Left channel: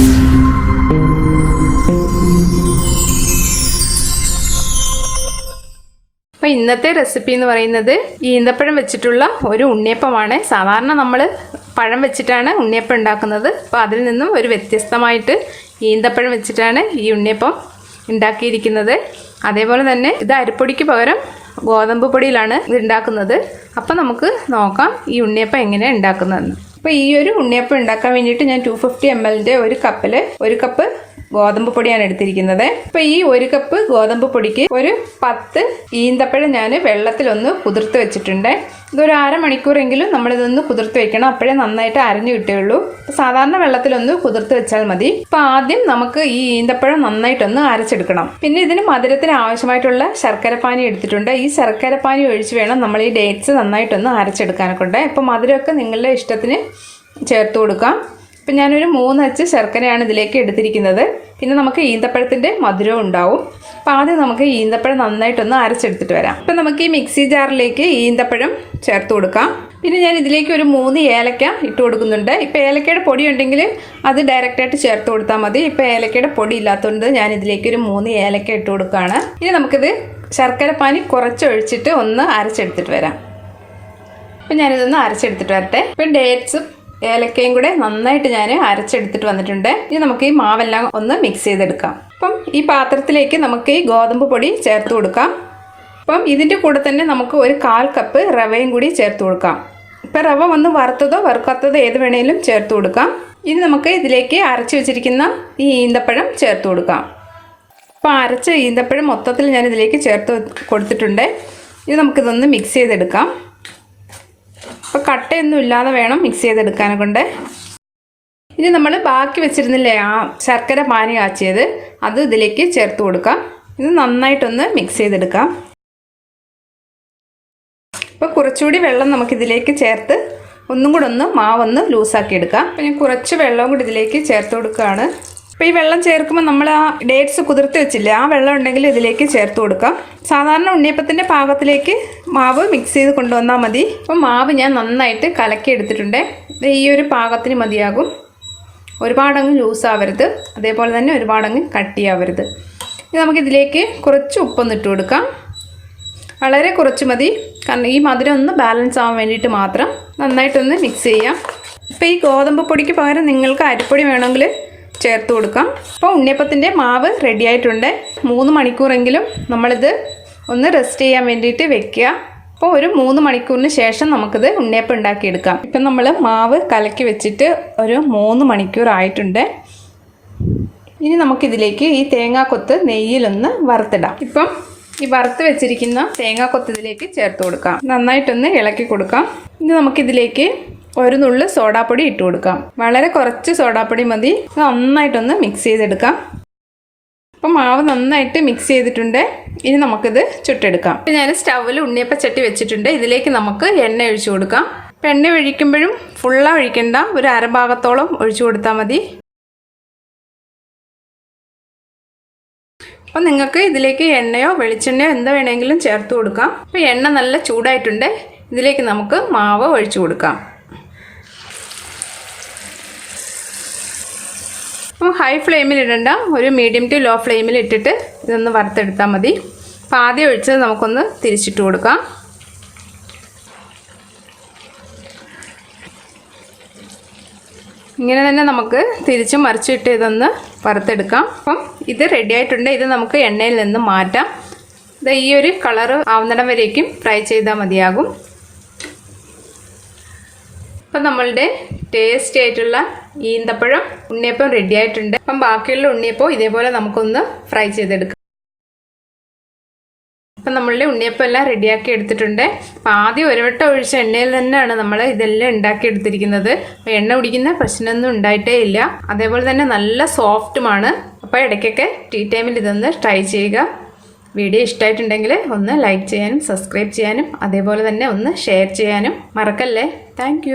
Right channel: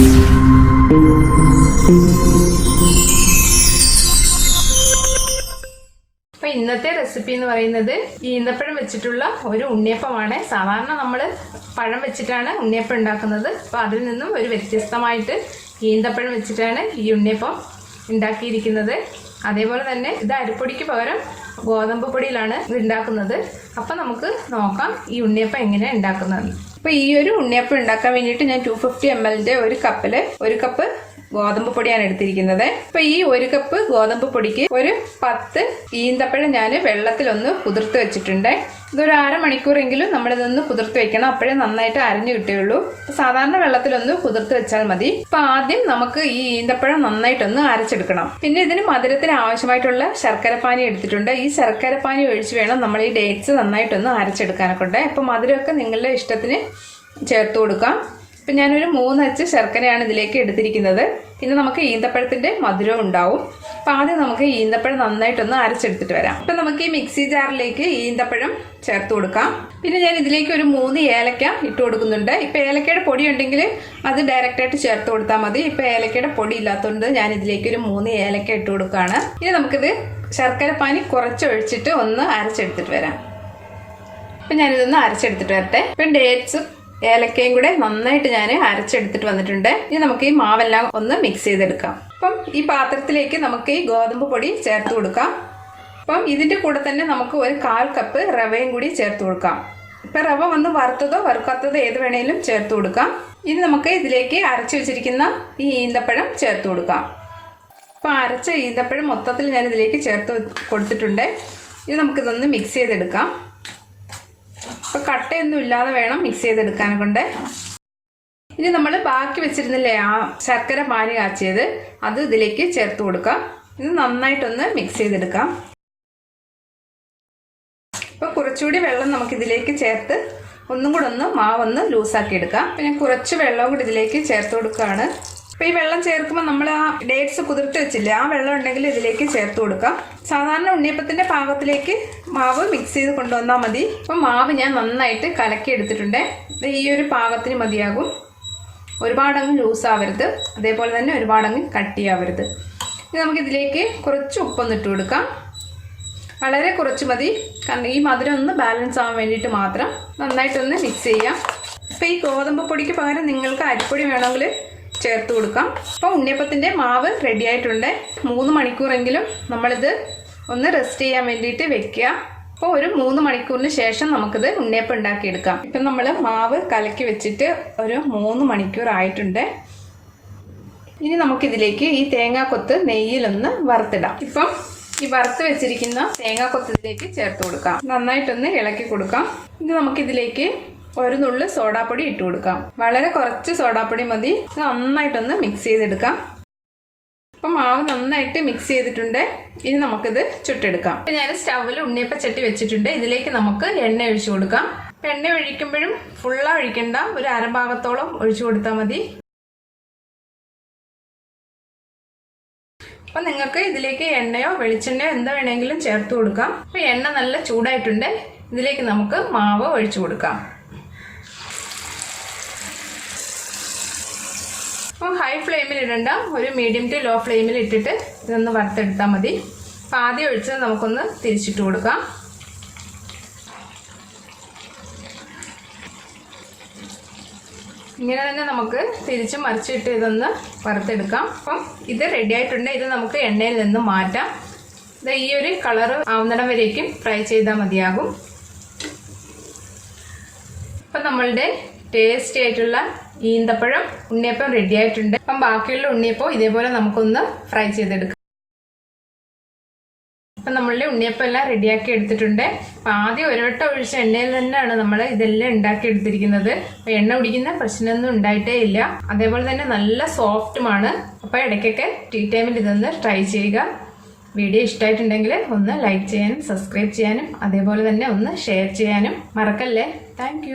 അപ്പോൾ ഇന്നത്തെ റെസിപ്പി എന്ന് പറയുന്നത് ഈന്തപ്പഴം വെച്ചിട്ടുള്ള ഒരു ഉണ്ണിയപ്പമാണ്. സാധാരണ നമ്മൾ പഴം വെച്ചിട്ടാണ് ഉണ്ണിയപ്പം ഉണ്ടാക്കുന്നത്. അപ്പോൾ അതിൽ നിന്നും ഒരു വ്യത്യസ്തമായിട്ട് ഈന്തപ്പഴം വെച്ചിട്ടാണ് ഈ ഉണ്ണിയപ്പം ഉണ്ടാക്കിയിരിക്കുന്നത്. അതേപോലെ തന്നെ ഇത് അരിപ്പൊടിക്ക് പകരം ഗോതമ്പ് പൊടിയിലാണ് ഇത് ഉണ്ടാക്കുന്നത്. അപ്പോൾ നമുക്ക് നോക്കാം ഈ ഉണ്ണിയപ്പം എങ്ങനെയാണ് ഉണ്ടാക്കുന്നതെന്ന്. അപ്പോൾ ഈ ഒരു ഉണ്ണിയപ്പം ഉണ്ടാക്കാൻ വേണ്ടിയിട്ട് ഞാൻ 250 ml ഒരു കപ്പിൽ 1 കപ്പ് ഗോതമ്പ് പൊടിയാണ് എടുത്തിരിക്കുന്നത്. അപ്പോൾ ഈ 1 കപ്പ് ഗോതമ്പ് പൊടിക്ക് ഒരു 10 ഈന്തപ്പഴം ഞാൻ വെള്ളത്തിലൊന്ന് കുതിർത്ത് വെച്ചിട്ടുണ്ട്. ഇതൊരു അരമണിക്കൂറെങ്കിലും നമ്മളിതൊന്ന് കുതിർത്ത് വെക്കണം, അപ്പോഴേ നന്നായിട്ട് അരഞ്ഞു കിട്ടുകയുള്ളൂ. സാധാരണ വെള്ളത്തിലൊന്ന് കുതിർത്ത് വെച്ചാൽ മതി. അപ്പോൾ ആദ്യം നമുക്ക് ഈ ഈന്തപ്പഴം നന്നായിട്ടൊന്ന് അരച്ചെടുക്കണം. പിന്നെ ഇതിന് മധുരത്തിന് ആവശ്യമായിട്ടുള്ള ശർക്കരപ്പാനി എടുത്തിട്ടുണ്ട്. ഈ ശർക്കരപ്പാനി ഒഴിച്ച് വേണം നമ്മൾ ഈ ഡേറ്റ്സ് നന്നായിട്ടൊന്ന് അരച്ചെടുക്കാനൊക്കെ ഉണ്ട്. അപ്പോൾ മധുരമൊക്കെ നിങ്ങളുടെ ഇഷ്ടത്തിന് ചേർത്ത് കൊടുക്കാം. അപ്പം ഞാനൊരു 3 അച്ച് ശർക്കരയാണ് ഇതിലേക്ക് എടുത്തിരിക്കുന്നത്. പിന്നെ നമുക്ക് ഈന്തപ്പഴത്തിൻ്റെ മധുരവും ഉണ്ടാവും. അപ്പോൾ ആദ്യം നമുക്ക് ഈന്തപ്പഴം നന്നായിട്ടൊന്ന് അരച്ചെടുത്തിട്ട് വരാം. ഇപ്പം നമുക്ക് ഈ മിക്സി ജാറിലേക്ക് ഈന്തപ്പഴം ചേർത്ത് കൊടുക്കാം. പിന്നെ ഞാൻ ഇതിലേക്ക് ഒരു 3 ഏലക്ക ഇട്ട് കൊടുക്കുന്നുണ്ട്. ഇപ്പോൾ ഏലക്കയുടെ പൊടി ഉണ്ടെങ്കിൽ അത് ഡയറക്റ്റായിട്ട് ചേർത്ത് കൊടുത്താൽ മതി. ഇപ്പോൾ ഏലക്കയുടെ പൊടി ഇല്ലാത്തതുകൊണ്ട് ഞാൻ ഇതിലേക്ക് ഒരു 3 ഏലക്ക ഇട്ട് കൊടുക്കുകയാണ്. ഇനി നമുക്കിത് ശർക്കരപ്പാനി കുറച്ച് ഒഴിച്ചിട്ട് ഒന്ന് അരച്ചെടുത്തിട്ട് വരാം. അപ്പം ഞാനിതൊന്ന് അരച്ചെടുത്തിട്ട് വരട്ടെ. ഇപ്പം ഡേറ്റ്സും ഏലക്കയും കൂടെ നന്നായിട്ട് ഞാൻ അരച്ചെടുത്തിട്ട് വന്നിട്ടുണ്ട്. ഇനി നമുക്ക് ഈ മാവെല്ലാം ഒന്ന് മിക്സ് ചെയ്തെടുക്കാം. അപ്പം ഈ പാത്രത്തിലേക്ക് നമുക്ക് ഈ ഗോതമ്പ് പൊടി ചേർത്ത് കൊടുക്കാം. അപ്പം ഇതിൻ്റെ കൂടെ തന്നെ നമുക്ക് ഒരു 1/4 കപ്പ് റവയും കൂടി ചേർത്ത് കൊടുക്കാം. ഇപ്പം റവ ഒന്ന് വറുത്തതോ വറുക്കാത്തതോ ഏത് വേണേലും ചേർത്ത് കൊടുക്കാം. ഇനി നമുക്ക് ഇതിലേക്ക് അരച്ച് വെച്ചിരിക്കുന്ന ഈ ഈന്തപ്പഴം ചേർത്ത് കൊടുക്കാം. അപ്പം അരച്ച ഈന്തപ്പഴം മൊത്തത്തിൽ ഞാൻ ഇതിലേക്ക് ചേർത്ത് കൊടുത്തിട്ടുണ്ട്. ഇത് നമുക്കിതൊന്ന് മിക്സ് ചെയ്തെടുക്കാം. അപ്പോൾ കട്ടയൊന്നും ഇല്ലാതെ വേണം മിക്സ് ചെയ്തെടുക്കാനെ കൊണ്ട്. ഇനി നമ്മൾ ബാക്കി വെച്ചിരുന്നില്ലേ ആ ശർക്കര പാനി കാച്ചിയത്, അത് ഇതിലേക്ക് ചേർത്ത് കൊടുക്കാം. ഇത് നന്നായിട്ടൊന്ന് മിക്സ് ചെയ്തെടുക്കാം. അപ്പോൾ കുറച്ചുകൂടി വെള്ളം നമുക്കിതിലേക്ക് ചേർത്ത് ഒന്നും കൂടെ ഒന്ന് മാവൊന്ന് ലൂസാക്കി എടുക്കാം. പിന്നെ കുറച്ച് വെള്ളവും കൂടി ഇതിലേക്ക് ചേർത്ത് കൊടുക്കുകയാണ്. അപ്പോൾ ഈ വെള്ളം ചേർക്കുമ്പോൾ നമ്മൾ ആ ഡേറ്റ്സ് കുതിർത്ത് വെച്ചില്ലേ, ആ വെള്ളം ഉണ്ടെങ്കിൽ ഇതിലേക്ക് ചേർത്ത് കൊടുക്കാം. സാധാരണ ഉണ്ണിയപ്പത്തിൻ്റെ പാകത്തിലേക്ക് മാവ് മിക്സ് ചെയ്ത് കൊണ്ടുവന്നാൽ മതി. അപ്പോൾ മാവ് ഞാൻ നന്നായിട്ട് കലക്കി എടുത്തിട്ടുണ്ട്. ഈ ഒരു പാകത്തിന് മതിയാകും. ഒരുപാടങ്ങ് ലൂസാവരുത്, അതേപോലെ തന്നെ ഒരുപാടങ്ങ് കട്ടിയാവരുത്. ഇനി നമുക്കിതിലേക്ക് കുറച്ച് ഉപ്പൊന്ന് ഇട്ട് കൊടുക്കാം. വളരെ കുറച്ച് മതി, കാരണം ഈ മധുരം ഒന്ന് ബാലൻസ് ആവാൻ വേണ്ടിയിട്ട് മാത്രം. നന്നായിട്ടൊന്ന് മിക്സ് ചെയ്യാം. ഇപ്പോൾ ഈ ഗോതമ്പ് പൊടിക്ക് പകരം നിങ്ങൾക്ക് അരിപ്പൊടി വേണമെങ്കിൽ ചേർത്ത് കൊടുക്കാം. അപ്പോൾ ഉണ്ണിയപ്പത്തിൻ്റെ മാവ് റെഡി ആയിട്ടുണ്ട്. 3 മണിക്കൂറെങ്കിലും നമ്മളിത് ഒന്ന് റെസ്റ്റ് ചെയ്യാൻ വേണ്ടിയിട്ട് വെക്കുക. അപ്പോൾ ഒരു 3 മണിക്കൂറിന് ശേഷം നമുക്കിത് ഉണ്ണിയപ്പം ഉണ്ടാക്കിയെടുക്കാം. ഇപ്പം നമ്മൾ മാവ് കലക്കി വെച്ചിട്ട് ഒരു 3 മണിക്കൂർ ആയിട്ടുണ്ട്. ഇനി നമുക്കിതിലേക്ക് ഈ തേങ്ങാക്കൊത്ത് നെയ്യിലൊന്ന് വറുത്തിടാം. ഇപ്പം ഈ വറുത്ത് വെച്ചിരിക്കുന്ന തേങ്ങാക്കൊത്ത് ഇതിലേക്ക് ചേർത്ത് കൊടുക്കാം. നന്നായിട്ടൊന്ന് ഇളക്കി കൊടുക്കാം. ഇനി നമുക്കിതിലേക്ക് ഒരു നുള്ളു സോഡാപ്പൊടി ഇട്ട് കൊടുക്കാം. വളരെ കുറച്ച് സോഡാപ്പൊടി മതി. നന്നായിട്ടൊന്ന് മിക്സ് ചെയ്തെടുക്കാം. അപ്പം മാവ് നന്നായിട്ട് മിക്സ് ചെയ്തിട്ടുണ്ട്. ഇനി നമുക്കിത് ചുട്ടെടുക്കാം. ഇപ്പം ഞാൻ സ്റ്റൗവിൽ ഉണ്ണിയപ്പച്ചട്ടി വെച്ചിട്ടുണ്ട്. ഇതിലേക്ക് നമുക്ക് എണ്ണ ഒഴിച്ചു കൊടുക്കാം. അപ്പം എണ്ണ ഒഴിക്കുമ്പോഴും ഫുള്ളാ ഒഴിക്കണ്ട, ഒരു അരഭാഗത്തോളം ഒഴിച്ചു കൊടുത്താൽ മതി. അപ്പം നിങ്ങൾക്ക് ഇതിലേക്ക് എണ്ണയോ വെളിച്ചെണ്ണയോ എന്ത് വേണമെങ്കിലും ചേർത്ത് കൊടുക്കാം. അപ്പം എണ്ണ നല്ല ചൂടായിട്ടുണ്ട്. ഇതിലേക്ക് നമുക്ക് മാവ് ഒഴിച്ചു കൊടുക്കാം. അപ്പോൾ ഹൈ ഫ്ലെയിമിൽ ഇടണ്ട, ഒരു മീഡിയം ടു ലോ ഫ്ലെയിമിൽ ഇട്ടിട്ട് ഇതൊന്ന് വറുത്തെടുത്താൽ മതി. അപ്പോൾ ആദ്യം ഒഴിച്ചത് നമുക്കൊന്ന് തിരിച്ചിട്ട് കൊടുക്കാം. ഇങ്ങനെ തന്നെ നമുക്ക് തിരിച്ചും മറിച്ചിട്ട് ഇതൊന്ന് വറുത്തെടുക്കാം. അപ്പം ഇത് റെഡി ആയിട്ടുണ്ട്. ഇത് നമുക്ക് എണ്ണയിൽ നിന്ന് മാറ്റാം. ഇത് ഈ ഒരു കളർ ആവുന്നിടം വരേക്കും ഫ്രൈ ചെയ്താൽ മതിയാകും. അപ്പം നമ്മളുടെ ടേസ്റ്റി ആയിട്ടുള്ള ഈന്തപ്പഴം ഉണ്ണിയപ്പം റെഡി ആയിട്ടുണ്ട്. അപ്പം ബാക്കിയുള്ള ഉണ്ണിയപ്പം ഇതേപോലെ നമുക്കൊന്ന് ഫ്രൈ ചെയ്തെടുക്കാം. അപ്പം നമ്മളുടെ ഉണ്ണിയപ്പം എല്ലാം റെഡിയാക്കി എടുത്തിട്ടുണ്ട്. അപ്പം ആദ്യം ഒരു വട്ടം ഒഴിച്ച എണ്ണയിൽ തന്നെയാണ് നമ്മൾ ഇതെല്ലാം ഉണ്ടാക്കി എടുത്തിരിക്കുന്നത്. അപ്പം എണ്ണ കുടിക്കുന്ന പ്രശ്നമൊന്നും ഉണ്ടായിട്ടേ ഇല്ല. അതേപോലെ തന്നെ നല്ല സോഫ്റ്റുമാണ്. അപ്പോൾ ഇടയ്ക്കൊക്കെ ടീ ടൈമിൽ ഇതൊന്ന് ട്രൈ ചെയ്യുക. വീഡിയോ ഇഷ്ടമായിട്ടുണ്ടെങ്കിൽ ഒന്ന് ലൈക്ക് ചെയ്യാനും സബ്സ്ക്രൈബ് ചെയ്യാനും അതേപോലെ തന്നെ ഒന്ന് ഷെയർ ചെയ്യാനും മറക്കല്ലേ. താങ്ക്